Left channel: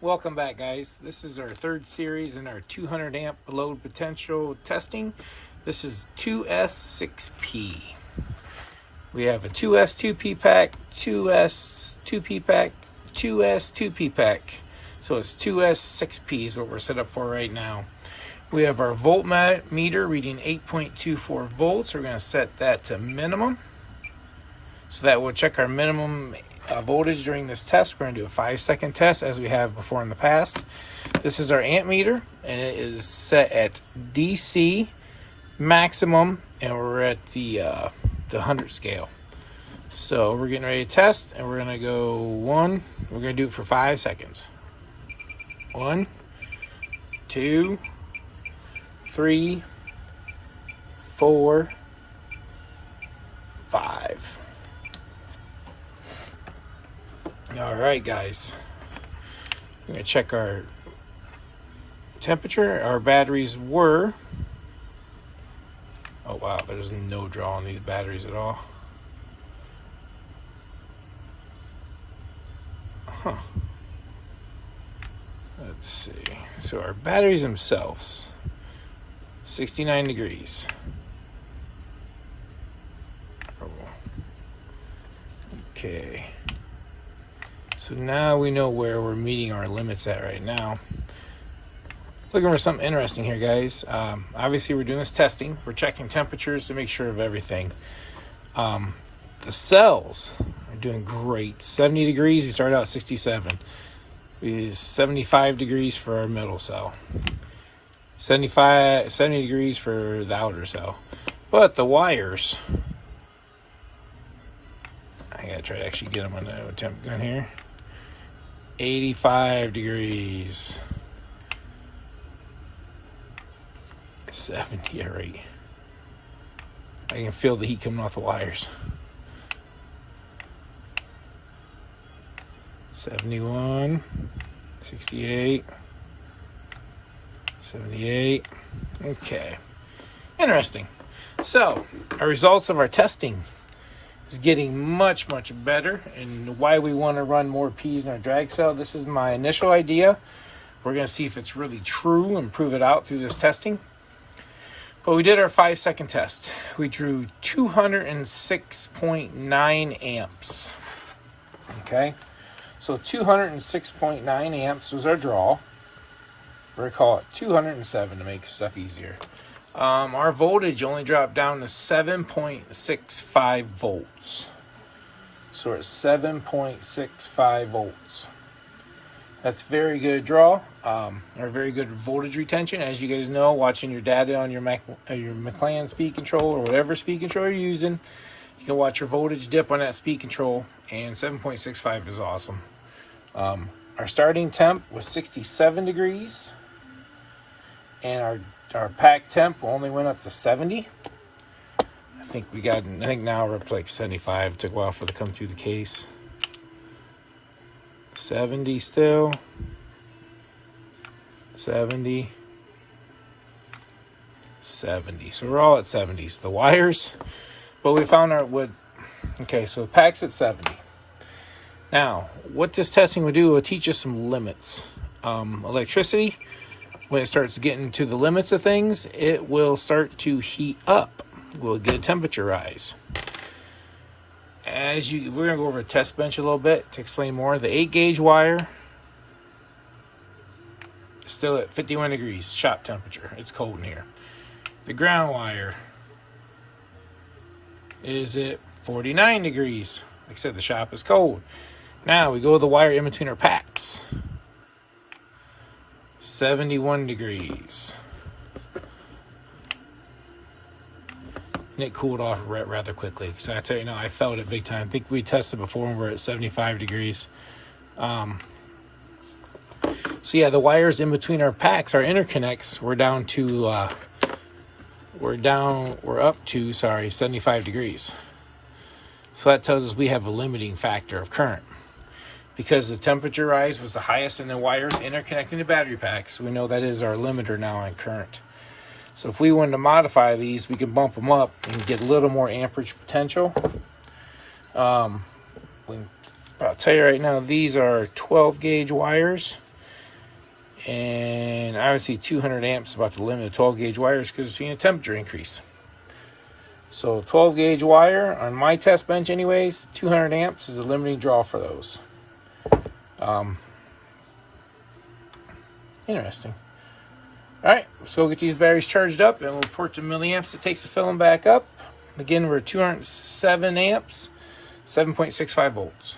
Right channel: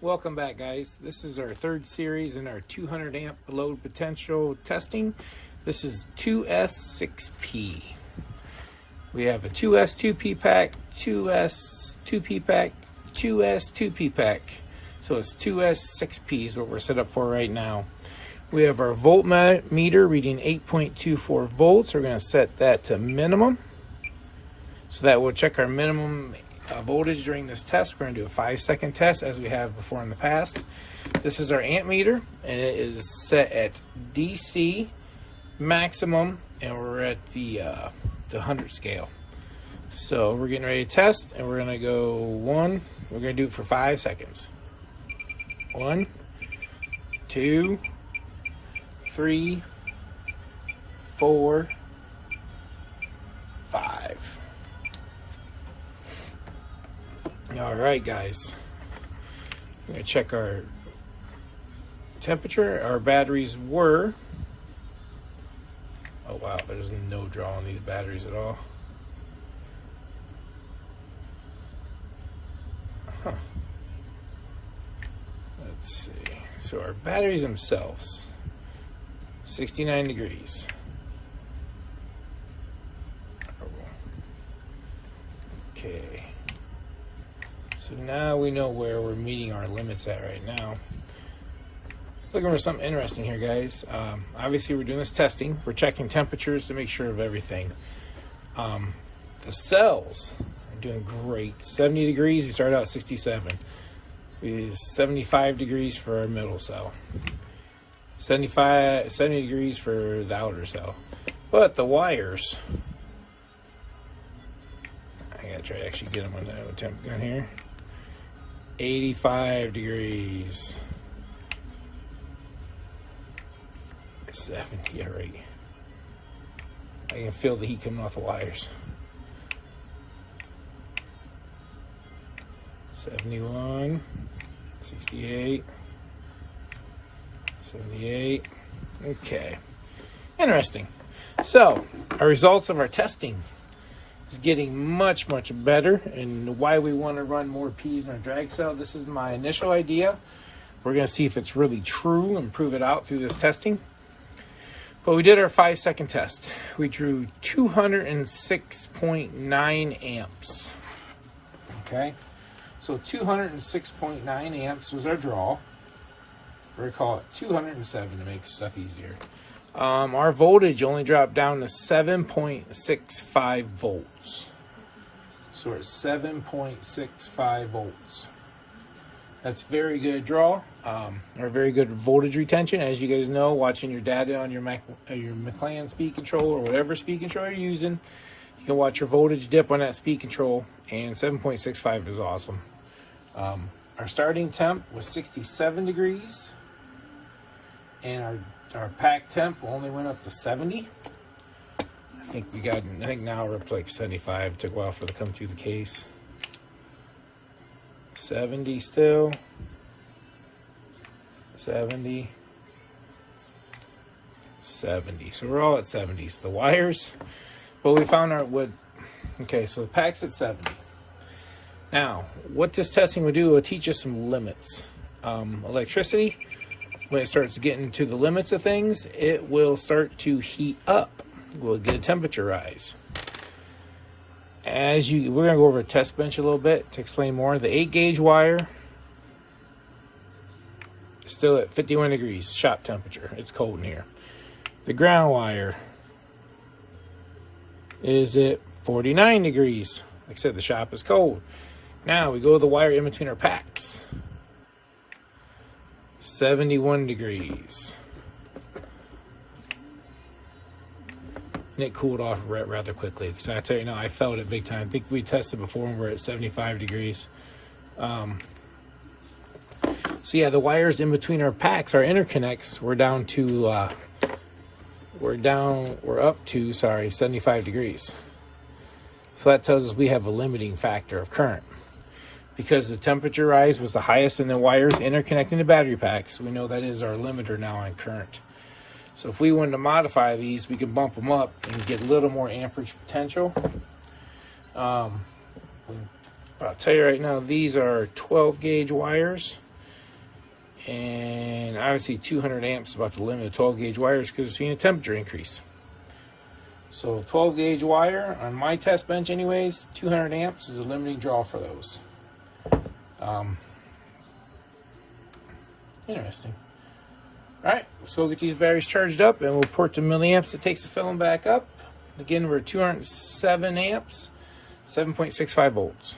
Welcome back, guys. This is our third series in our 200 amp load potential testing. This is 2S6P. We have a 2S 2P pack, 2S 2P pack, 2S 2P pack. So it's 2S6P is what we're set up for right now. We have our voltmeter reading 8.24 volts. We're going to set that to minimum. So that will check our minimum voltage during this test. We're going to do a 5-second test as we have before in the past. This is our amp meter, and it is set at DC maximum, and we're at the 100 scale. So we're getting ready to test, and we're going to go we're going to do it for 5 seconds. 1, 2, 3, 4, 5. All right, guys. We're going to check our temperature. Our batteries were... Oh, wow. There's no draw on these batteries at all. Huh. Let's see. So our batteries themselves, 69 degrees. Okay. So now we know where we're meeting our limits at right now. Looking for something interesting here, guys. Obviously, we're doing this testing. We're checking temperatures to make sure of everything. The cells are doing great. 70 degrees, we started out at 67. Is 75 degrees for our middle cell. 70 degrees for the outer cell. But the wires, I gotta try to actually get them on the temp gun here. 85 degrees. 70, yeah, right. I can feel the heat coming off the wires. 71, 68, 78. Okay. Interesting. So, our results of our testing is getting much better, and why we want to run more P's in our drag cell. This is my initial idea. We're going to see if it's really true and prove it out through this testing. But we did our 5-second test. We drew 206.9 amps. Okay, so 206.9 amps was our draw. We're going to call it 207 to make stuff easier. Our voltage only dropped down to 7.65 volts. So it's 7.65 volts. That's very good draw, or very good voltage retention. As you guys know, watching your data on your McLaren speed control or whatever speed control you're using, you can watch your voltage dip on that speed control, and 7.65 is awesome. Our starting temp was 67 degrees, and our pack temp only went up to 70. I think now we're up like 75. It took a while for it to come through the case. 70 still. 70. 70. So we're all at 70s. The wires, but we found our wood. Okay, so the pack's at 70. Now, what this testing will do will teach us some limits. Electricity, when it starts getting to the limits of things, it will start to heat up. We'll get a temperature rise. We're going to go over a test bench a little bit to explain more. The 8-gauge wire is still at 51 degrees shop temperature. It's cold in here. The ground wire is at 49 degrees. Like I said, the shop is cold. Now we go to the wire in between our packs. 71 degrees. And it cooled off rather quickly. So I tell you now, I felt it big time. I think we tested before and we're at 75 degrees. So yeah, the wires in between our packs, our interconnects, we're up to 75 degrees. So that tells us we have a limiting factor of current. Because the temperature rise was the highest in the wires interconnecting the battery packs, we know that is our limiter now on current. So if we wanted to modify these, we could bump them up and get a little more amperage potential. I'll tell you right now, these are 12 gauge wires. And obviously 200 amps is about the limit of 12 gauge wires because we're seeing a temperature increase. So 12 gauge wire on my test bench anyways, 200 amps is a limiting draw for those. Interesting. Alright, let's go get these batteries charged up and we'll port the milliamps it takes to fill them back up. Again, we're 207 amps, 7.65 volts.